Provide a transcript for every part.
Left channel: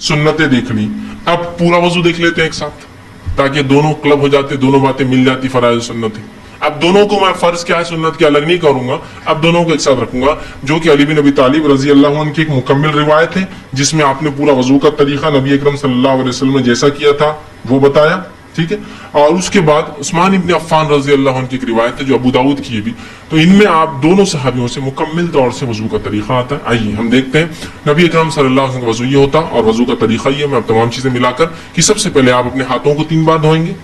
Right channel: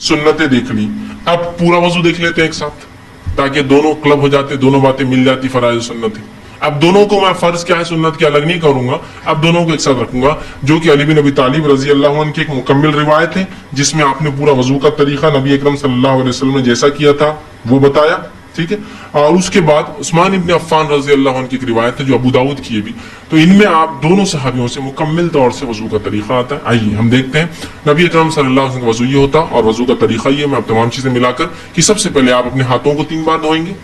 सुन्नतें देख ली, अब पूरा वजू देख लेते हैं एक साथ, ताकि दोनों क्लब हो जाते, दोनों बातें मिल जाती, फराइज सुन्नतें। अब दोनों को मैं फर्ज क्या है सुन्नत की अलग नहीं करूंगा, अब दोनों को एक साथ रखूंगा, जो कि अली बिन अबी तालिब रजी अल्लाह अन्हु की एक मुकम्मिल रिवायत है, जिसमें आपने पूरा वजू का तरीका नबी अकरम सल्लल्लाहु अलैहि वसल्लम ने जैसा किया था वो बताया, ठीक है। और उसके बाद उस्मान इब्न अफ़्फ़ान रजी अल्लाह अन्हु की एक रिवायत है जो अबू दाऊद की है भी, तो इनमें आप दोनों सहाबियों से मुकम्मिल तौर से वजू का तरीका आता है। आइए हम देखते हैं नबी अकरम सल्लल्लाहु अलैहि वसल्लम का वजू ये होता और वजू का तरीका ये। मैं अब तमाम चीजें मिलाकर कि सबसे पहले आप अपने हाथों को 3 बार धोएंगे,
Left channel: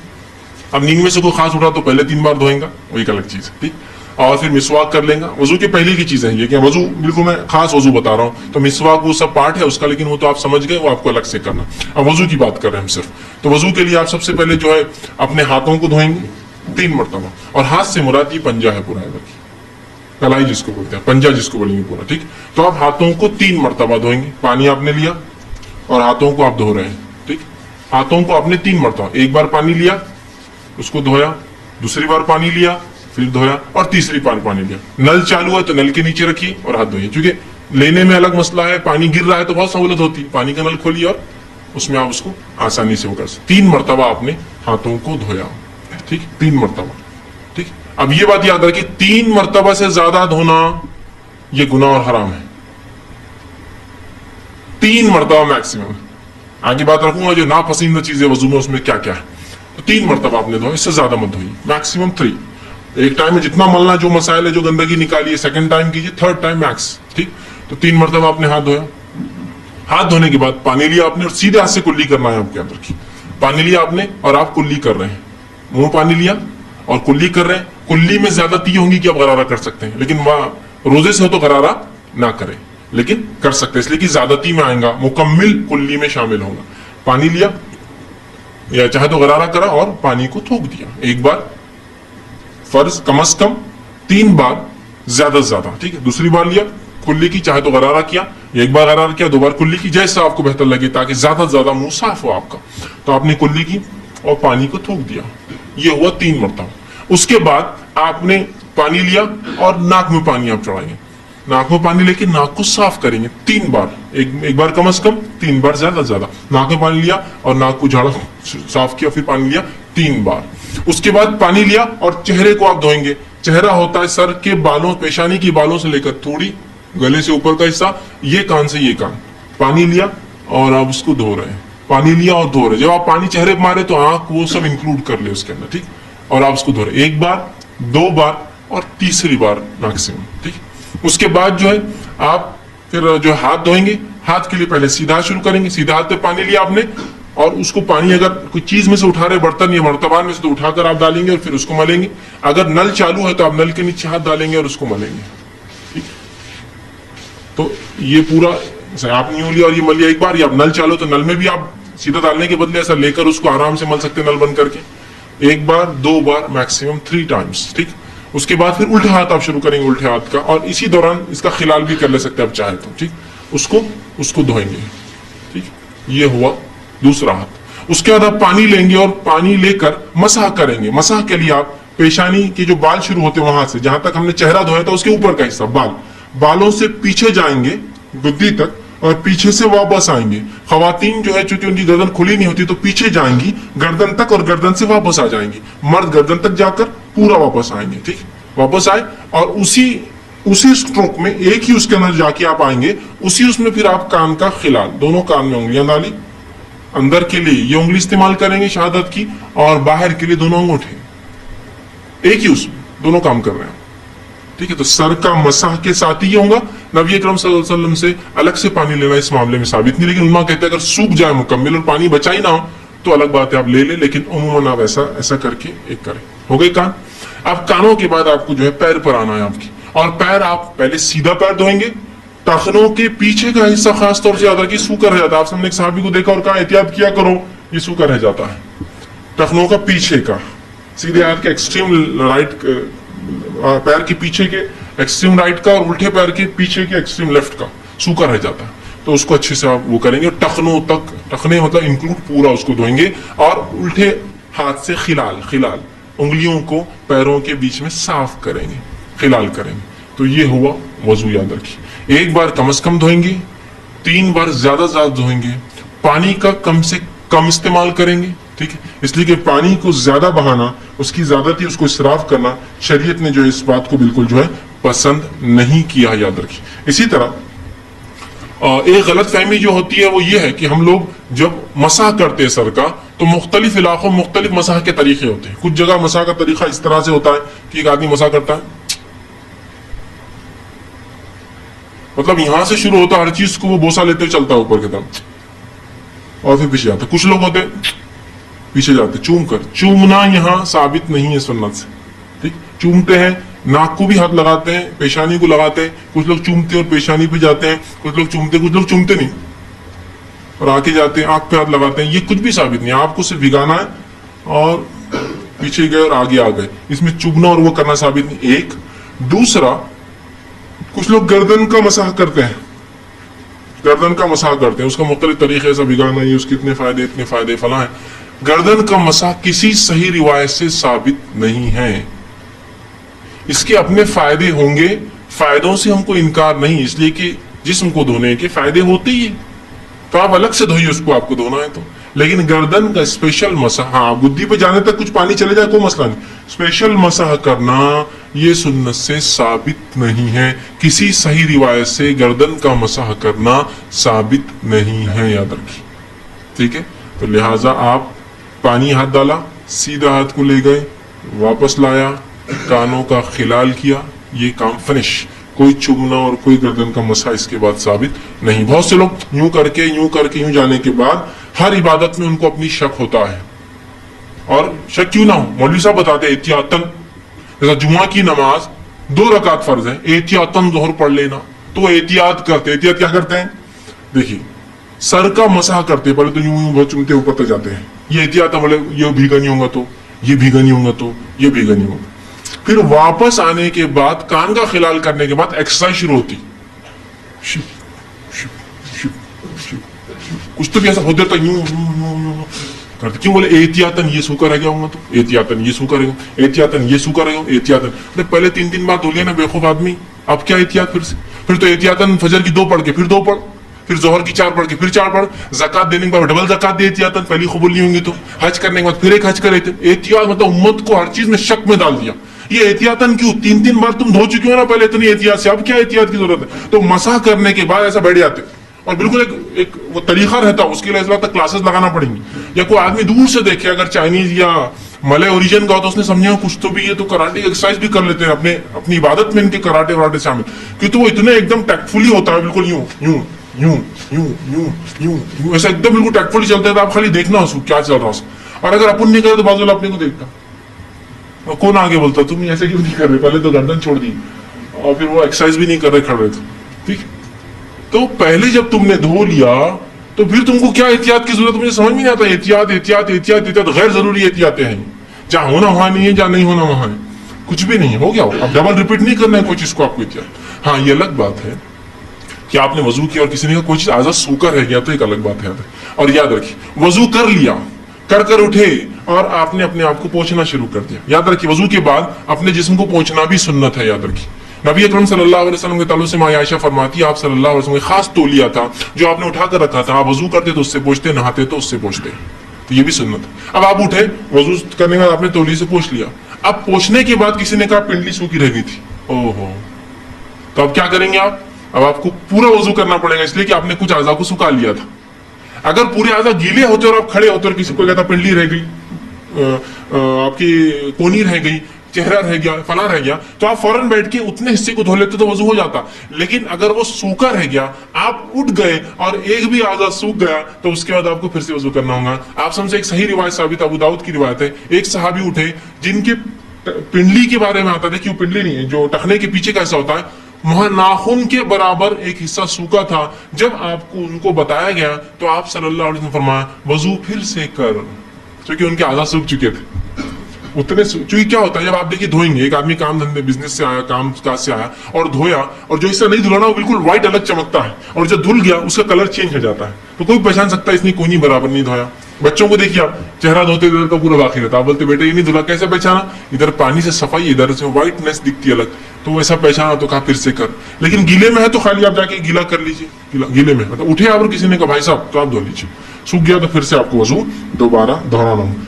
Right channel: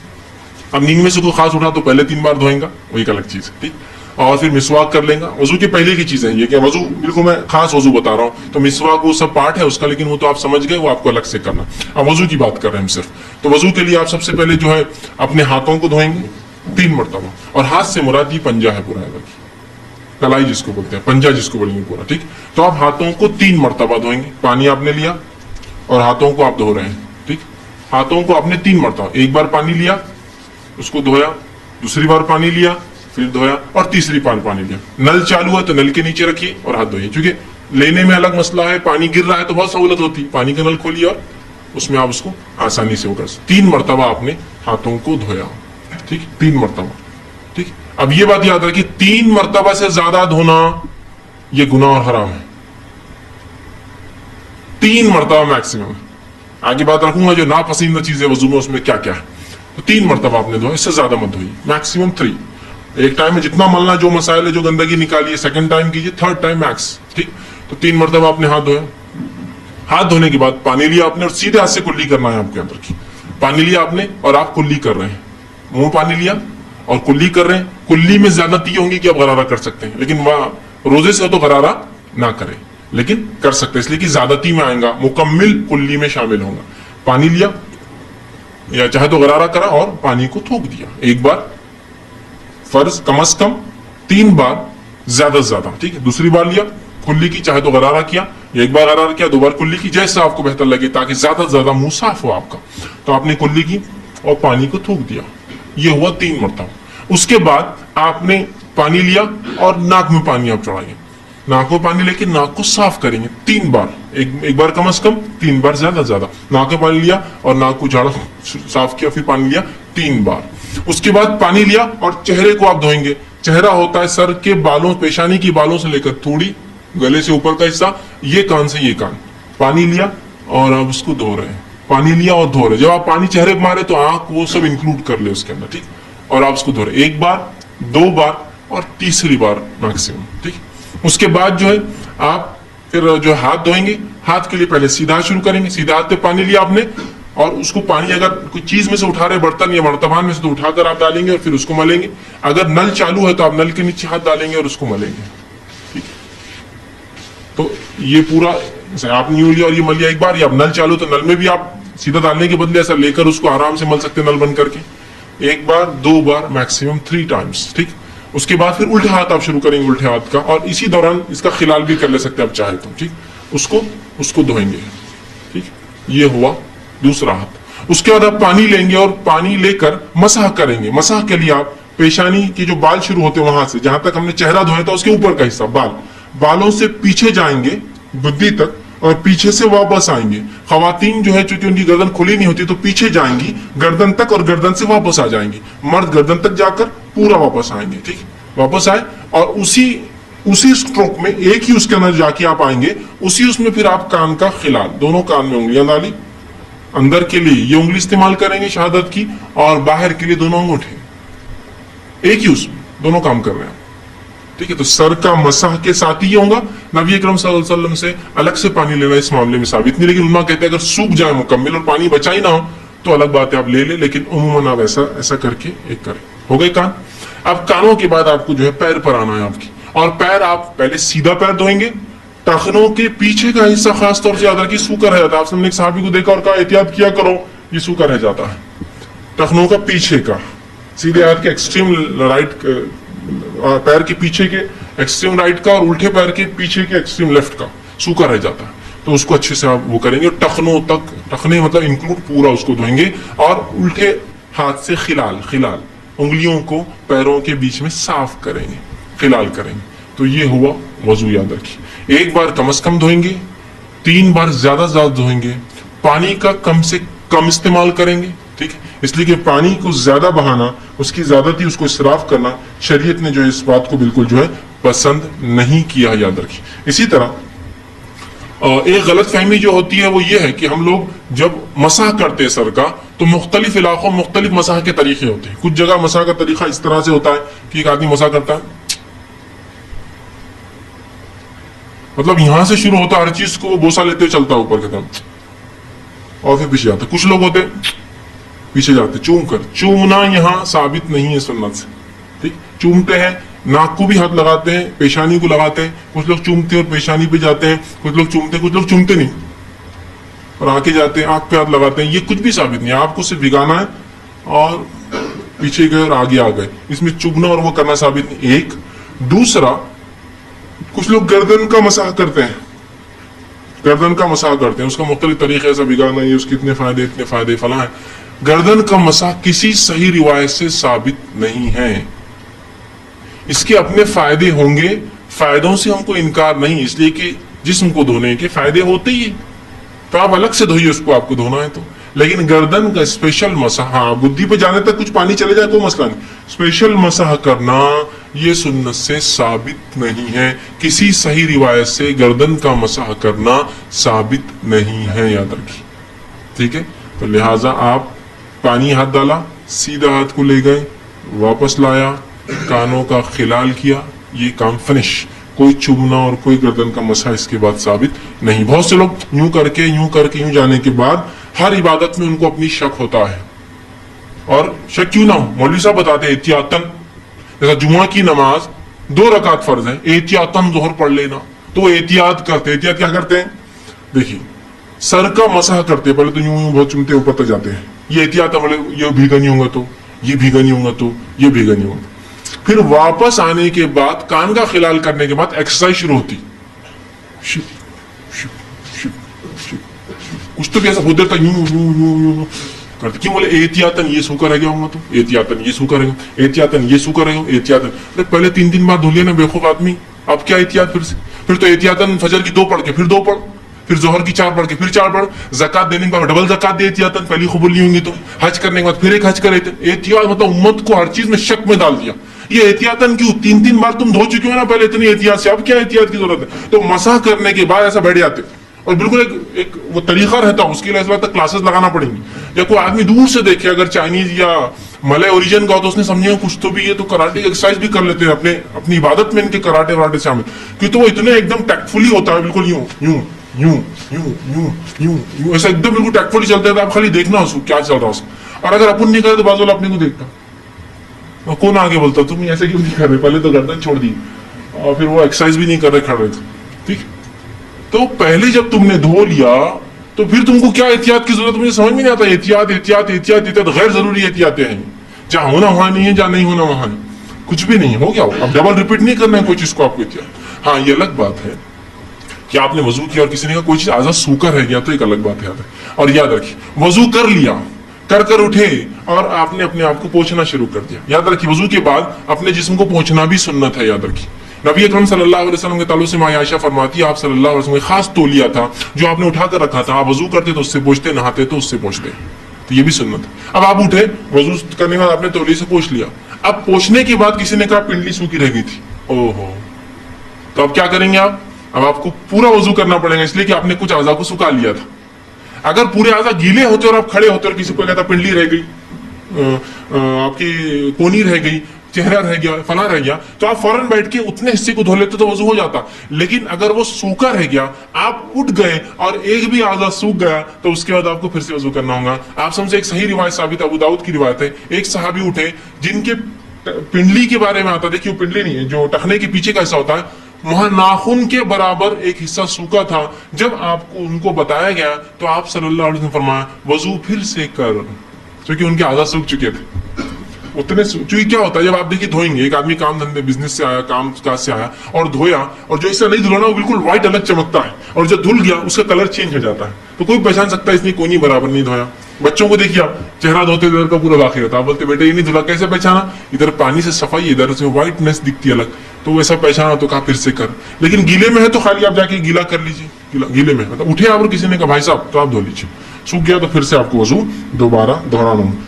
अब नींद में से कोई खास उठा तो पहले 3 बार धोएंगा, वो एक अलग चीज है, ठीक। और फिर मिसवाक कर लेगा। वजू की पहले की चीजें ये कि वजू बिल्कुल मैं खास वजू बता रहा हूँ, तो मिसवाक वो सब पार्ट है उसका, लेकिन वो तो आप समझ गए, वो आपको अलग से करना। अब वजू की बात कर रहे हैं हम सिर्फ, तो वजू के लिए आप सबसे पहले जो है अपने हाथों को धोएंगे 3 मरतबा, और हाथ से मुराद ये पंजा है पूरा, कलाई जिसको बोलते हैं, पंजा जिसको बोलेंगे पूरा, ठीक। तो आप हाथों को 3 मरतबा धोएंगे, पानी आपने लिया और हाथों को आप धो रहे हैं, ठीक। हाथों को आपने 3 मरतबा, एक बार पानी लिया उसको धोया, दूसरी बार पानी लिया फिर धोया, और तीसरी बार पानी लिया। नल चालू है तो नल के नीचे रखिए और हाथ धोइए, क्योंकि लेने में अलग मसला है, पानी गिर रहा है तो बहुत सहूलत होती, पानी का नल खोलिए और उसमें आप उसको आसानी से कर सकते। 3 मरतबा आपने हाथों को धोया, ठीक, 3 मरतबा, ठीक। अब ये बात याद रखिए, 3 मरतबा से ज्यादा धोना ये गुनाह और हराम है, 3 मरतबा मैक्सिमम। आगे बात रखूंगा जो नापसंदीदा चीजें वजू में उसमें क्या क्या है, तो 3 मरतबा आपने धोया, इससे ज्यादा मत धोइए, मैक्सिमम 3। एक टाइम में जितना मलना, जो मसाइल है, जो गंदगी निकालिए, सेकंड टाइम कीजिए, थर्ड टाइम मैक्स, ठीक। तो 3 मरतबा आपने हाथ धोया। हाथ धोने के बाद पानी लिया आपने और सीधे हाथ से कुल्ली करना है आपके अंदर की। पानी लिया आपने और आप कुल्ली कर रहे हैं, मुंह पानी लिया और कुल्ली कर रहे हैं। कुल्ली में ज्यादती होंगी कि आप गरारा कर सकते हैं, लेकिन वह रोजे से हो तो गरारा ना करें, लेकिन कर सकते हैं, इसलिए कि ज्यादती में आएगा, मुकम्मिल कुल्ली में शामिल होगा। पानी लिया या चाहे तो गरारा करा और पानी को थूक दिया, एक बार फर्ज कम से कम 3 बार, ज्यादा से ज्यादा, ठीक है। दूसरी बार लिया कुल्ली की, चाहे तो गरारा किया, एक बार गरारा किया, 2 बार कुल्ली की, जैसा आपको बेहतर लगे, ताकि ज्यादा से ज्यादा मुंह साफ हो आपका। तो आपने कुल्ली की और पानी को थूक दिया, ये हुआ 3 मरतबा। उसके बाद आपने पानी लिया और नाक में पानी आप चढ़ाइए, नाक में पानी लेके नाक को साफ करेंगे 3 बार, एक बार कम से कम, 3 बार ज्यादा से ज्यादा। नाक में पानी लिया और नाक को झाड़ा साफ किया, फिर पानी लिया 3 बार। उसके बाद पानी लिया और चेहरे को आप धोएंगे। चेहरा होता है सर के बालों, पेशानी की बालों से लेकर थोड़ी गले से ऊपर का हिस्सा, ये कान से ये कान। पानी लिया और आप उसको धो रहे हैं, पानी लिया और धो रहे। जब आप पानी चेहरे पर मारे तो आंख वो सब इंक्लूड कर ले उसके अंदर, ठीक। और आप उसको धो रहे 1 बार, 2 बार और तीसरी बार मैक्सिमम, ठीक। उसके बाद जो है आप फिर जो हाथ धोएंगे, हाथ के लिए पहले सीधा शुरू करेंगे। सीधा हाथ पे पानी लिया आपने और उसको पानी अगर कोई चीज में से उठा रहे, बर्तन या बर्तमान में से, तो उठाकर आप डालेंगे और फिर उसको मलेंगे। अगर नल चालू है तो आप नल के नीचे हाथ डालेंगे और उसको मलेंगे, ठीक। तो ये पूरा आप न्यू लिया और ये मल लिया एक बार, या आप नल चालू तो नल में भी आप सीधा डालने के बदले ऐसा लेकर उसको आराम से मल सकते हैं, नल बंद करके। 1 बार, 2 बार, मैक्सिमम 3 टाइम्स, ठीक। उसके बाद फिर उल्टे हाथ आप शुरू करेंगे, उल्टे हाथ का, और इसी दौरान इसका खिलाल भी कर ले सकते हैं आप चाहे तो, ठीक। उसको धोएंगे, ठीक। ये हुआ दूसरा हाथ। उसके बाद आप पानी लेंगे और पानी लेकर मसाह करेंगे। मसाह के लिए आप पेशानी के जो बाल शुरू होते हैं वहां से, जहां तक हमने चेहरा धोया था उसके ऊपर का हिस्सा, बालों से पीछे जाएंगे बुद्धि तक और पीछे से वापस आएंगे। खवातीन जो है चूंकि उनकी गर्दन खुली नहीं होती तो पीछे जाएंगी गर्दन तक और गर्दन से वापस आ जाएंगी। मर्द गर्दन तक जाकर पूरा वापस आएंगे, ठीक। वापस आए और उसी स्ट्रोक में एक ही उसके अंदर जाके आप आएंगे, उसी उसमें फिर आप कान का खिलाल, दोनों कान में उंगलियां डाली, अंदर के लिए ये उंगली इस्तेमाल करेंगे शहादत की, और बाहर के लिए दोनों अंगूठे, एक ही उसमें दोनों काम कर रहे हैं, ठीक है। तो सर का मसाह के साथ ही होगा। नबी अकरम सल्लल्लाहु अलैहि वसल्लम से अलग से पानी लेना इस मामले में साबित नहीं, लेकिन उन्होंने कहते हैं अगर सूख जाए मुकम्मिल और पानी बचा ही ना हो तो अलग बात है, आप ले लें, लेकिन उम्मन आप ऐसा करके एक करें। हो गए कान। अब कानों के बाद आपको जो है पैर पर आना है आपकी, और पैर आप पहले सीधा पैर धोएंगे। टखनों के पीछे का हिस्सा खास तौर से याद रखिए सूखा रह जाता है। आपने एक साहबी को देखा और कहा एहतियात किया करो, ये सूखा रह जाता है। टखनों का पीछे का, सीधे हाथ के एक्सट्रीम राइट, पैर के पीछे के एक्सट्रीम राइट का, उल्टे पैर के पीछे के एक्सट्रीम लेफ्ट का सूखा रह जाता है, तो उसको अच्छे से आप वो करेंगे। टखनों तक, टखने मतलब इंक्लूड पूरा उसको धोएंगे, और उल्टे हाथ से खिलाल उंगलियों को पैरों के बीच में साफ करेंगे, खिलाल करेंगे। तो ये हुआ वजू, याद रखिए। 1 बार कम से कम धोएंगे, 3 बार ज्यादा धोएंगे, پانی کا کم سے کم استعمال کریں گے. ٹھیک ہے, اس لیے کہ پانی کو زیادہ بہانا, اس کی زیادتی, اس کو اسراف کرنا شریعت نے جو اس بات کو بالکل جو ہے پسند نہیں کیا, یاد رکھیے. اسی طرح ایک غلط فہمی جو ہوتی ہے وہ یہ ہے کہ ہم لوگ جب مسح کرتے ہیں سر کا تو مختلف علاقوں مختلف مسح کے طریقے ہوتے ہیں. کچھ جگہ مسح کا طریقہ اس طرح سے ہوتا ہے کہ ایک آدمی مسح کرتا ہے, مطلب یہاں سے شروع ہوتا ہے ہر چیز کو وہ بوسا لیتے ہوئے چلتا ہے اوپر کی طرف اور پھر پیچھے جاتا ہے. کچھ لوگ ہوتے پیچھے جاتے چوم کر. چومنا یہاں ثابت نہیں ہے سنت سے. ٹھیک, چومتے ہیں, ناک کو بھی ہاتھ لگاتے ہیں, پیشانی کو لگاتے ہیں. کچھ لوگ چومتے اور پیشانی پہ جاتے ہیں, کچھ لوگ چومتے, کچھ لوگ چومتے نہیں اور آگے جاتے ہیں, آنکھ پہ ہاتھ لگاتے ہیں. یہ کچھ بھی ثابت نہیں, آپ کو صرف بھگانا ہے اور پیچھے گئے اور آگے آ گئے. اس میں چومنا اور وہ کرنا ثابت نہیں. ایک دوسرا, کچھ لوگ گردن کا مسح کرتے ہیں, گردن کا مسح کرتے ہیں, اس کا مختلف طریقے سے بھگانا, یہ اس کے اتنے فائدے فلاں ہیں. گردن کا مسح کسی صحیح روایت سے ثابت نہیں ہے. اس کے اپنے فائدے ہوں گے, فائدوں سے ہم کو انکار نہیں, اس لیے کہ جسم کو دھونے کے فائدے ہوتے ہی ہیں تو آپ الگ سے دھوئیے اس کو, آپ کو دھونا ہے تو. لیکن گردن کا اسپیشل مسح, ہاں بدھی پہ جانے تک کچھ پانی چلے جائے کوئی مسئلہ نہیں, اسپیشل مسح کرنا یہ سنت سے ثابت نہیں ہے. کسی صحیح روایت سے گردن کا مسح کرنا ثابت نہیں ہے, یاد رکھیے. ٹھیک ہے, تو لہٰذا آپ پانی ہاتھ ڈالا, سیدھا ہاتھ کو لے گئے, واپس لایا, کانوں کا خلال کیا, یہ کام فنش. کوئی چومنا اور کوئی گردن کا مسح اس کے بعد ثابت نہیں. بہت سے لوگ یوں کر کے یوں جانے کے بعد ہر عبادت میں ان کو اپنی شک ہوتا ہے, اور شک کیوں نہ ہو, مولوی صاحب بتاتے ہیں احتیاطاً, جیسا جمعہ کی نماز 2 رکعت فرض ہے, احتیاطاً ظہر پڑھ لینا, تو احتیاط کرتے. احتیاط کیا کرتے ہیں, دیکھیے سر کا مسح کرتے, پہلے تو یوں بہت چومتے اوپر تک جاتے ہیں, یہ احتیاط ہے, بولے یہ بھیگا نہیں ہوگا تو, یہ بھیگا نہیں ہوگا تو, یہ بھیگا نہیں ہوگا. پھر واپس آنے کے بعد کان کا خلال کرنے کے بعد ایکسرسائز شروع ہوتی, کچھ تو ایسا ہوتا تھا یوں کرتے. کیوں, بولے احتیاطاً یہ سو کر رہ گیا ہوں گا تو, احتیاطاً یہ سو کرے گا, احتیاطاً یہ سو کرے گا, احتیاطاً. پہلے 3 دن بعد دھو لیا نا بیوقوف آدمی, اب کیا احتیاط پھر سے, پھر تو احتیاطاً فجر کی 2 پڑھ کے پھر 2 پڑھ, پھر ظہر کی 4 پڑھ کے پھر 4 پڑھ, زکات دینے کے بعد ڈبل زکات دے احتیاطاً, پہلی قبول نہیں ہوں گی تو, حج کرنے کے بعد پھر ایک حج کرے. احتیاط مطلب امت کو ہر چیز میں شک میں ڈال دیا. یہ احتیاطاً کیوں, 3 بار تم دھو چکے ہو نا پہلے اتنی احتیاط سے, اب کیا احتیاط کی ضرورت ہے. تو مسح کرنے کے بعد ایسا بیٹھ جاتے, اور بالکل ایک وہ طریقہ رہتا, اس کے لیے اس وقت کلاسز لگانا پڑیں گی. یا کوئی آدمی دور سے دیکھے, اگر چائنیز یا ملے اوریجن کا ہو تو اس نے سمجھا کچھ تو بھی, یہ تو کراٹے ایکسرسائز بھی کر لیتے ہیں اپنی عبادت میں, ان کے کراٹے شامل, کیونکہ وہ اتنے ایک دم ٹیکٹفلی ہوتا ہے, بالکل یوں یوں یوں یوں یوں یوں یوں ایسا ایک دم بالکل ٹیکٹفلی چلتا ہے. تو آپ خالی دیکھنا اس کو کیا چل رہا ہے, اور اگر اپن نہیں کرے تو بازو اپنے کو دیکھتا, کون آگے بولتا تم ایسا کیوں نہیں کر رہے, پہلے تو گردن چھوڑ دی اور پھر وہ ایکسرسائز بھی نہیں کر رہے, کھڑ رہے تھے. ٹھیک, تو پہلے جب تم نے دھو لیا تو پھر تم کو کیا احتیاط کی ضرورت, مجھے سمجھ میں نہیں آتا. احتیاط غیر ضروری احتیاطیں ہیں, جہاں ہونا وہاں نہیں ہے, جہاں نہیں ہونا وہاں ہے, کچھ بھی نہیں ہو گیا. اب ڈبل ریپیٹ نہیں کرنا ہے کوئی چیز کو آپ کو احتیاط. ہاں یہ الگ بات ہے کہ آپ نے وضو کیا اور کسی نے کہا کوئی چیز آزاد سوکر رہ گیا, تو ایک الگ بات ہے. اور یاد رکھیے, وضو کر لیا, کر اٹھے اور آپ نے اپنے آپ کو پوچھنا شروع کر دیا. یاد رکھیے وضو کے بعد اپنے جسم کو پوچھنا بھی سنت ہے. یاد رکھیے نبی اکرم صلی اللہ علیہ وسلم کے تعلق سے ماں عائشہ فرماتی ہے, آپ صلی اللہ علیہ وسلم کا خاص تولیہ تھا جو آپ نے اٹھا کر رکھا تھا, آپ وضو کرتے تو اس سے پوچھتے, نہاتے تو اس سے پوچھتے. تو یہ بھی سنت ہے. اب آپ اٹھے, وضو کرنے کے بعد آپ نے تولیے سے پوچھ لیا. اب پوچھنے کے بعد کسی نے کہا پنڈلی سوکھی رہ گئی تھی, اوہو, تو اب کیا کریں گے آپ, اب آپ کو پورا وضو کرنا پڑے گا, اس لیے کہ آپ نے کچھ اعضاء کو سکھا لیا تھا. اگر پورے اعضاء گیلے ہوتے اور آپ کھڑے ہوتے اور کسی کو کہتا پنڈلی رہ گئی, آپ کی کونی رہ گئی, چہرہ رہ گیا, فلاں رہ گیا, تو آپ فوراً بیٹھ کے اتنے حصے کو دھو لیتے تو وضو ہو جاتا. لیکن اگر وہ سوکھا رہ گیا, آپ اٹھ گئے اور ایک بھی اعضاء سوکھ گیا, تو اس کے بعد آپ کو پھر سے وضو کرنا ہوگا. آپ سب سے ایک صحیح روایت ثابت, ابو داؤد کی روایت ہے, ایک صحابی اٹھے جن کے پنڈلی کے بارے میں آتا ہے, کیوں پنڈلی نہیں ہے, جو ٹخنے کے پیچھے کا حصہ ہوتا ہے, وہاں ناخن کے برابر ایک حصہ سوکھا تھا. جب آپ کو ان کو بتایا گیا تو آپ صلی اللہ علیہ وسلم فرمایا وضو پھر سے کر, کیونکہ ان کے اعضاء سوکھ چکے تھے. اتنے چونکہ کیا ہوتا ہے, جب آپ دیکھیے دھوئیں گے, ایک آدمی کام دھندے بزنس سے آیا, کام کاج سے آیا اور دھویا, اور جو حصہ نہیں دھلانا وہ بالکل وائٹ الگ چمکتا ہے, اور جب دھل گیا اس کا کلر چینج ہو جاتا ہے, تو کوئی پہچان سکتا ہے اس نے کونی برابر نہیں دھویا. بچوں کو دیکھیے, چہرہ دھوتے کا پورا باقی رہتا, آپ بولتے بیٹا یہ نہیں دھلا, کیسے پہچانا, ادھر پانی سے صفائی, ادھر سے وائٹنس دکھتی الگ. तो वैसा पहचाना तो कहा फिर से कर, लेकिन गीले में है तो खाली आप जाके गीला कर लीजिए, गीले में मतलब उठे और किसी ने कहा भाई साहब तो आप धो लीजिए, सूख गया तो फिर से आपको वजू दोबारा दोहराना।